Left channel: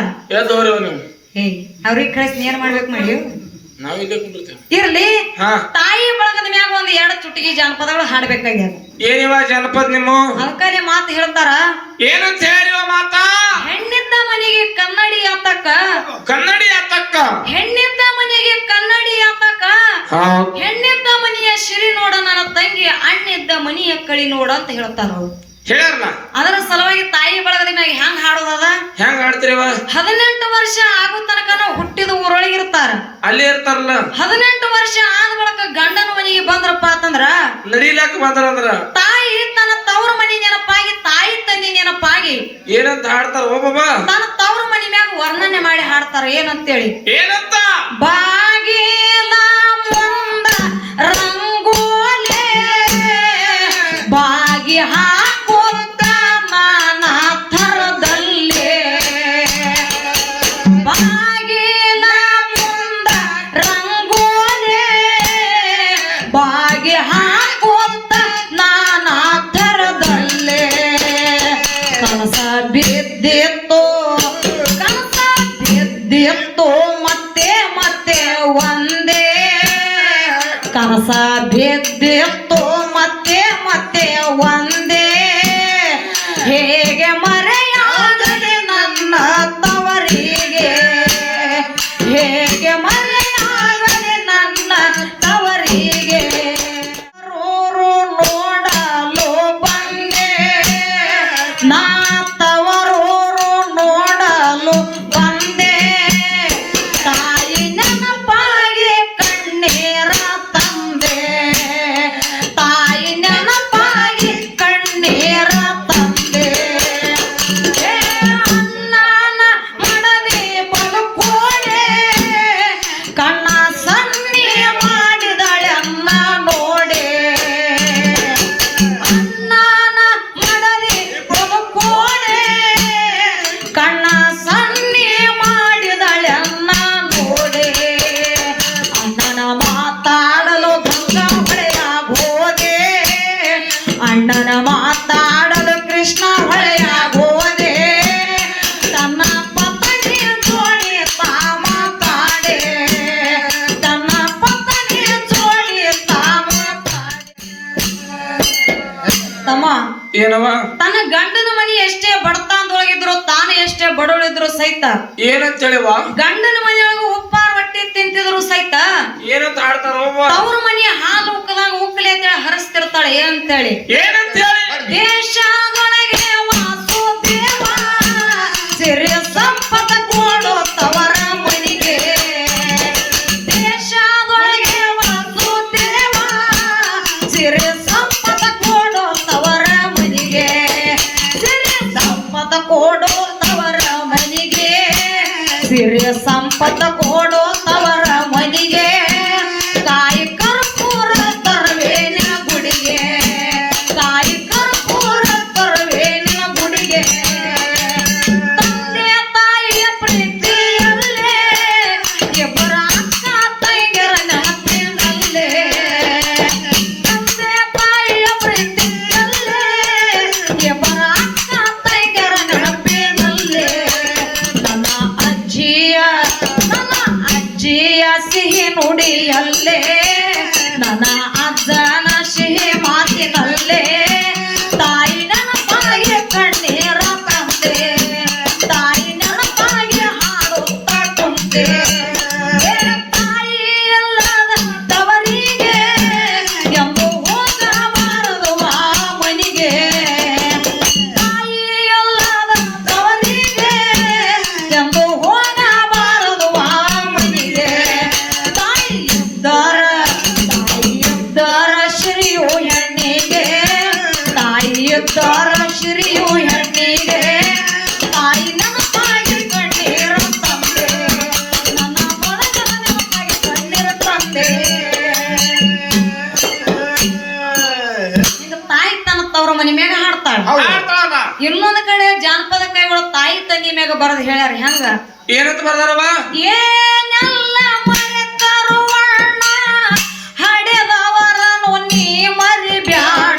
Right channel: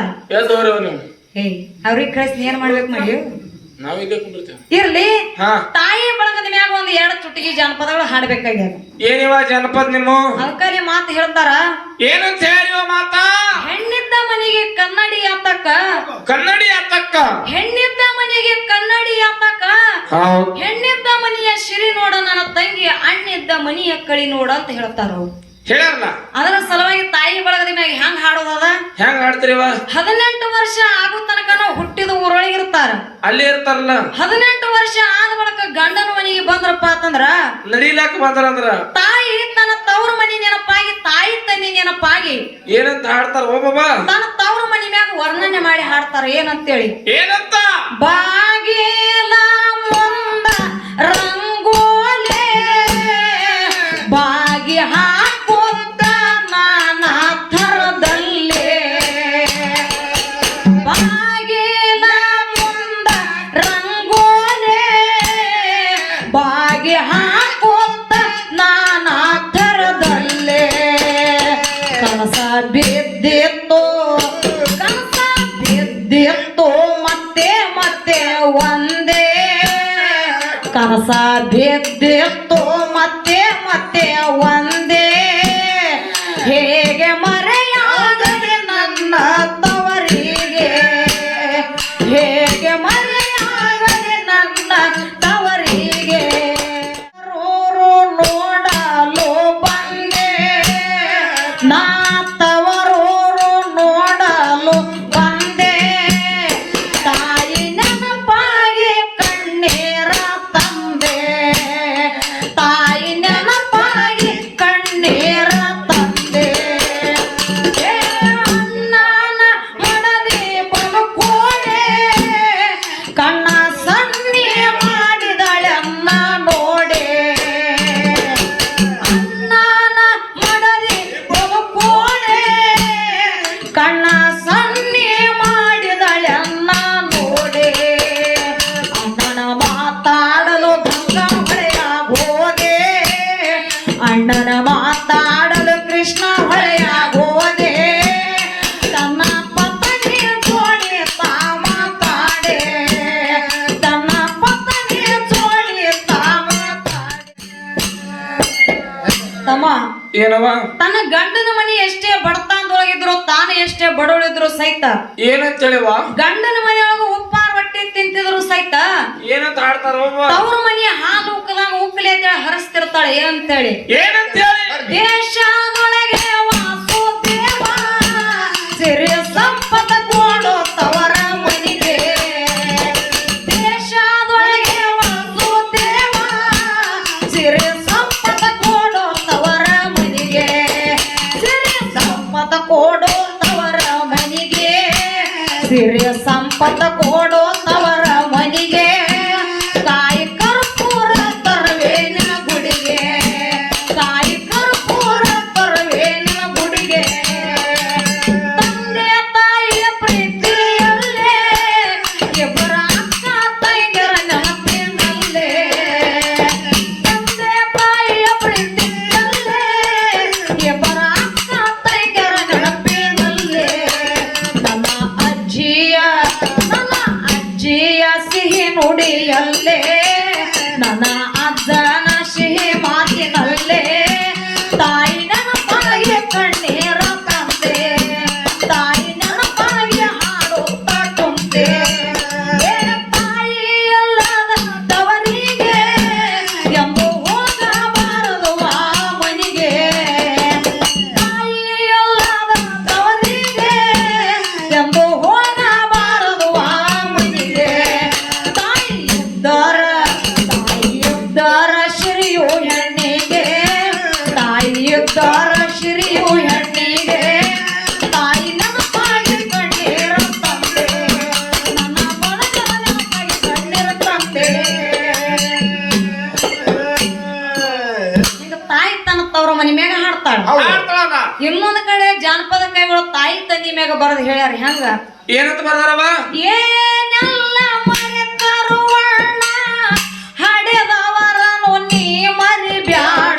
ನೀವು ಏಯ್ ಅವ್ರಿಗೆ ಕಳಿಸಿ ಏನ್ ಮಾಡ್ಬೇಕು ಮಾಡಿ? ನಾವ್ ಇಲ್ಲೇ ಕುಂಡಿರ್ತೇವೆ ಇರ್ಲಿ. ಹಾ. ತಾಯಿ ಬಳಗದ ಮ್ಯಾಗ ಒಂದ್ ಎರಡು ಚುಟಗಿ ಜಾನಪದಗಳು ಹಾಡ್ಬೇಕಾಗ್ಯದ ಏನಿವ ಜನಪದ ನಿಮ್ಮ? ಅದಕ್ಕಲ್ಲಿ ಮಾತು ಹೇಳ್ತಾರ. ಏನಂತ ಹೇಳಿವ ಮಾತಾ? ಹೆಣ್ಣಿದ್ದ ಮನೆಗೆ ಕನ್ನಡಿ ಆತಕ್ಕ. ಕನ್ನಡಿ ಅತ್ತಕ್ಕ ಹೆಣ್ಣಿದ್ದ ಮನೆಗೆ ಕನ್ನಡಿ ಆತಕ್ಕ. ಹೌದ್. ಹೆಣ್ಣಿದ್ದ ಮನೆಯ ಸಿರಿ ನೋಡ ನನ್ನ ತಂಗಿ ಅಣ್ಣಿದ್ದ ಮನೆಯ ಕಳಿ ನೋಡ ಅಂತ ಹೇಳ್ತಾರ ಅವ್ರು. ಹೇಳ್ಯಾರಲ್ಲ? ಅದರ ಸಲುವಾಗಿ ತಾಯಿ ಬಳಗದ ಮ್ಯಾಗ ಹೆಂಗ್ ಹಾಡೋದದ ಆಡ್ತೀರಿವ ಹದಿನೆಂಟು ವರ್ಷ ಆಗೋ ತನಕ ಹುಟ್ಟಿದ ಊರೊಳಗೆ ಇರ್ತಾರ ಅಲ್ಲಿ ಇರ್ತಾರಲ್ಲ? ಹದಿನೆಂಟು ವರ್ಷ ಆದ ಬಳಿಕ ಗಂಡನ ಮನೆಗೆ ಬಂದ್ರಪ್ಪ ಅಂತಂದ್ರ? ನಡಿಲಾಕ ಬಂದ್ರಂದ್ರ? ತಾಯಿ ತನ್ನ ತವ್ರ ಮನಿ ನೆನಪಾಗಿ ತಾಯಿ ತಂದಿ ನೆನಪಾಗಿ ಏನಂತ ಹಾಡ್ತಾರ ಒಬ್ಬೊಬ್ಬ ತನ್ನ ತವ್ರ ಮನಿ ಮ್ಯಾಗ ವರ್ಣನೆ ಮಾಡಿ ಹಾಡ್ತಾರ ಏನಂತೇಳಿ. ಏನಂತ? ಬಾಗಿಲ ಬಿದ್ದಿತ್ತು ಕನಸ ಮತ್ತೆ ಮತ್ತೆ ಒಂದೇ. ಕನಸ ಬಿದ್ದಿತ್ತು ಮತ್ತೆ ಮತ್ತೆ ಒಂದೇ. ಹೇಗೆ ಏನವ? ತನ್ನ ಗಂಡನ ಮನಿ ಎಷ್ಟೇ ಬಡತಾನದೊಳಗಿದ್ರು ತಾನು ಎಷ್ಟೇ ಬಡವಳಿದ್ರು ಸಹಿತ ಏನಂತ ಹೇಳಿವ ಗಂಡನ ಮನೆಯೊಳಗ ಉಪ್ಪಾರ ಹೊಟ್ಟಿ ತಿಂತಿದ್ರು ಸಹಿತ ಏನಂತ ಹಾಡ್ತಾರ ತವ್ರ ಮನೆಯ ಹಾಲು ಉಕ್ಕದಾಗ ಉಕ್ಕಲಿ ಅಂತೇಳಿ ಹರಿಸ್ತಿರ್ತಾಳೆ ಏನಂತೇಳಿ? ಏನಂತ ಹೇಳಿ ದೇಶದೊಳಗೆ ಸಿರಿ ಸಂಪದ ಕೊಡೋ ನನ್ನ ಮನಿ ಮ್ಯಾಗ ಹಾಡ್ತಾಳ ಇನ್ನೊಂದ್ ಕಡೆ ಜಾನಪದ ಕೈಗಳು ತಾಯಿ ತಂಗಿ ಮ್ಯಾಗ ಬರದ್ ಹೇಳ್ಯಾರ ಹೆಂಗ? ಏನಂತ ಬರ್ದಾರವ? ಏನೆಲ್ಲ ಮರೆತರು ಅಣ್ಣ ಹಡೆದವರನು ನೀ ಮರಿಬ್ಯಾಡ.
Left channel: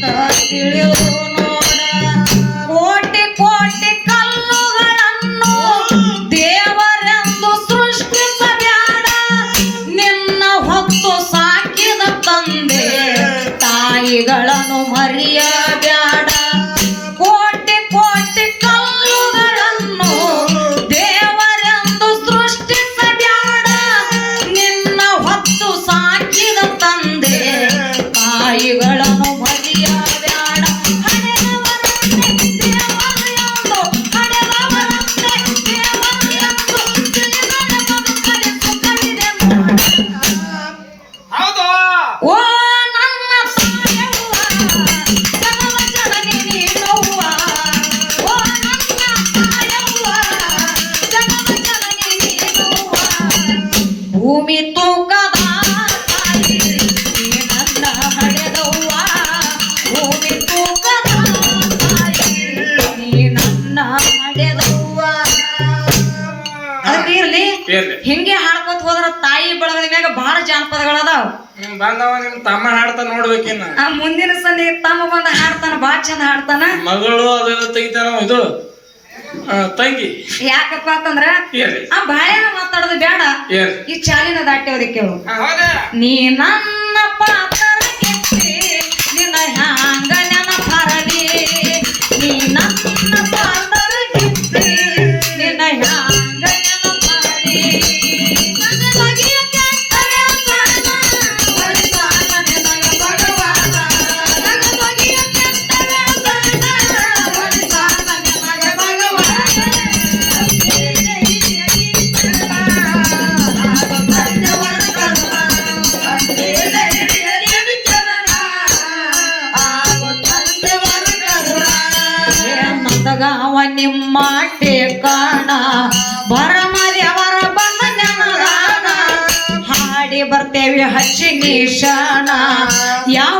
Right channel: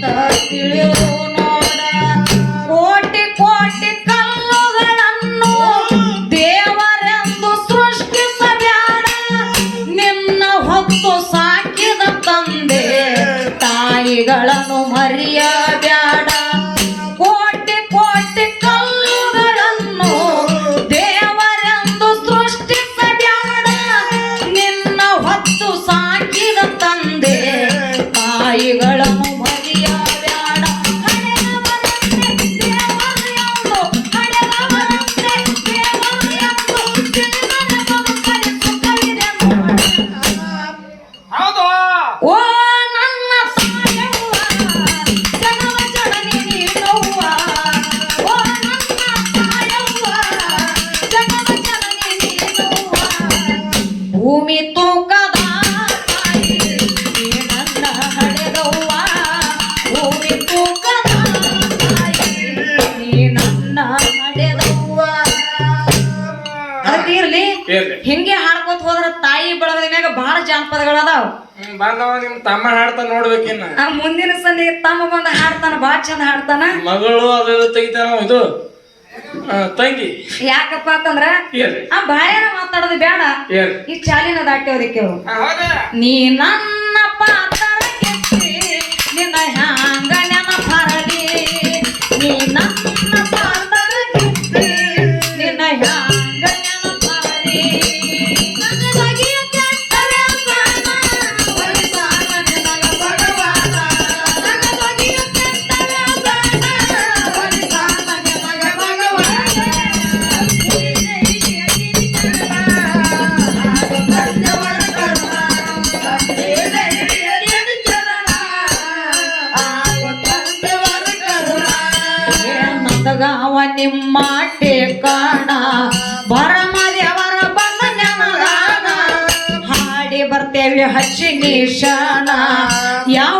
大雨留 ಪದಗಳದಾವ್ ಬಂದವ ನಿಮ್ ತಮ್ಮ ಹಾಡ್ತಾ ನೋಡ್ಬೇಕಿನ್ನ ಆ ಮುಂದಿನ ಸಂದಿ ತಮ್ಮ ಬಂದ ಹಾಡ್ತಾನ ಬಾ ಚಂದ ಹಾಡ್ತಾನ. ಮಗಳು ಅದು ತೆಗಿತಾನ ಇದು. ತಂಗಿ. ಯಾಕಪ್ಪ ಅಂತಂದ್ರ ಆ ಬಾಯಾನ ಮಾತಾಡೋದು ಬೇಡ. ಈ ಚಾಲಿನ ದಾಟ್ಯವ್ರಿ ಕೇಳು ಆ, ನೀ ನನ್ನ ಪಾತ್ರ. ಹಚ್ಚಿ ನಿಶಾನ ಯಾವ